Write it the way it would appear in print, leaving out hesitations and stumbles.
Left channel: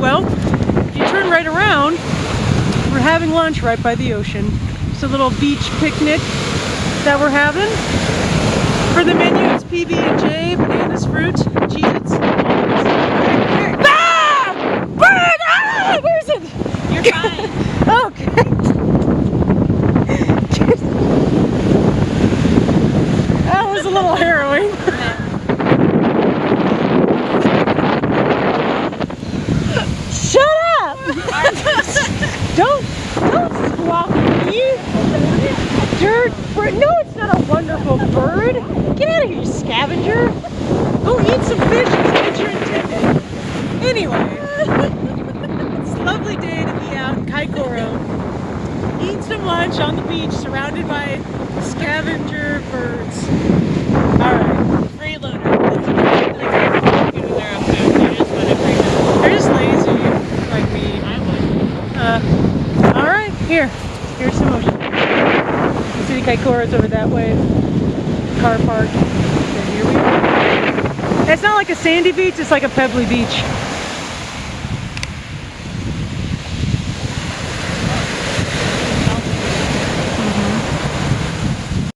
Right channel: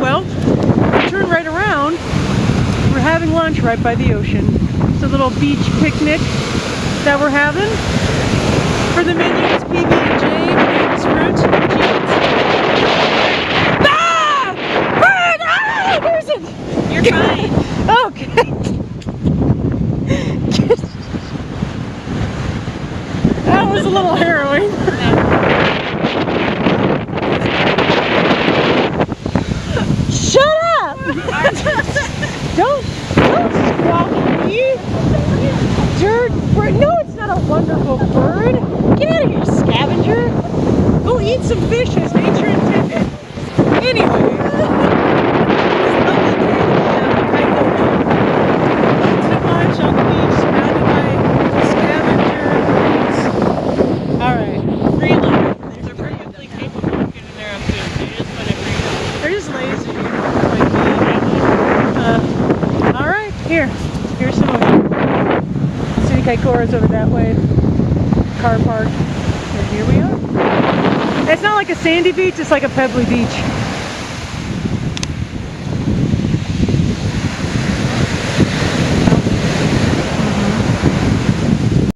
Well, we turn right around. We're having lunch right by the ocean. It's a little beach picnic that we're having. For the menu, it's PB&J, bananas, fruit, cheese. Ah! Bird! Ah! Where is it? You're fine. Okay. That was a little harrowing. Shut up! Don't squawk at me. Dirt bird. No, it's not a wonderful bird. Get out of here, you scavenger. Go eat some fish. It's nature intended. Anyway, it's a lovely day to be out in Kaikoura. Eat some lunch on the beach surrounded by scavenger birds. Alright. Freeloader. That's what they're like. They're their own food. They just want to freeload. They're just lazy, like me. Alright, here's some ocean. You see the Kaikoura's over that way. Car park. And here we are. It's not like a sandy beach, it's like a pebbly beach.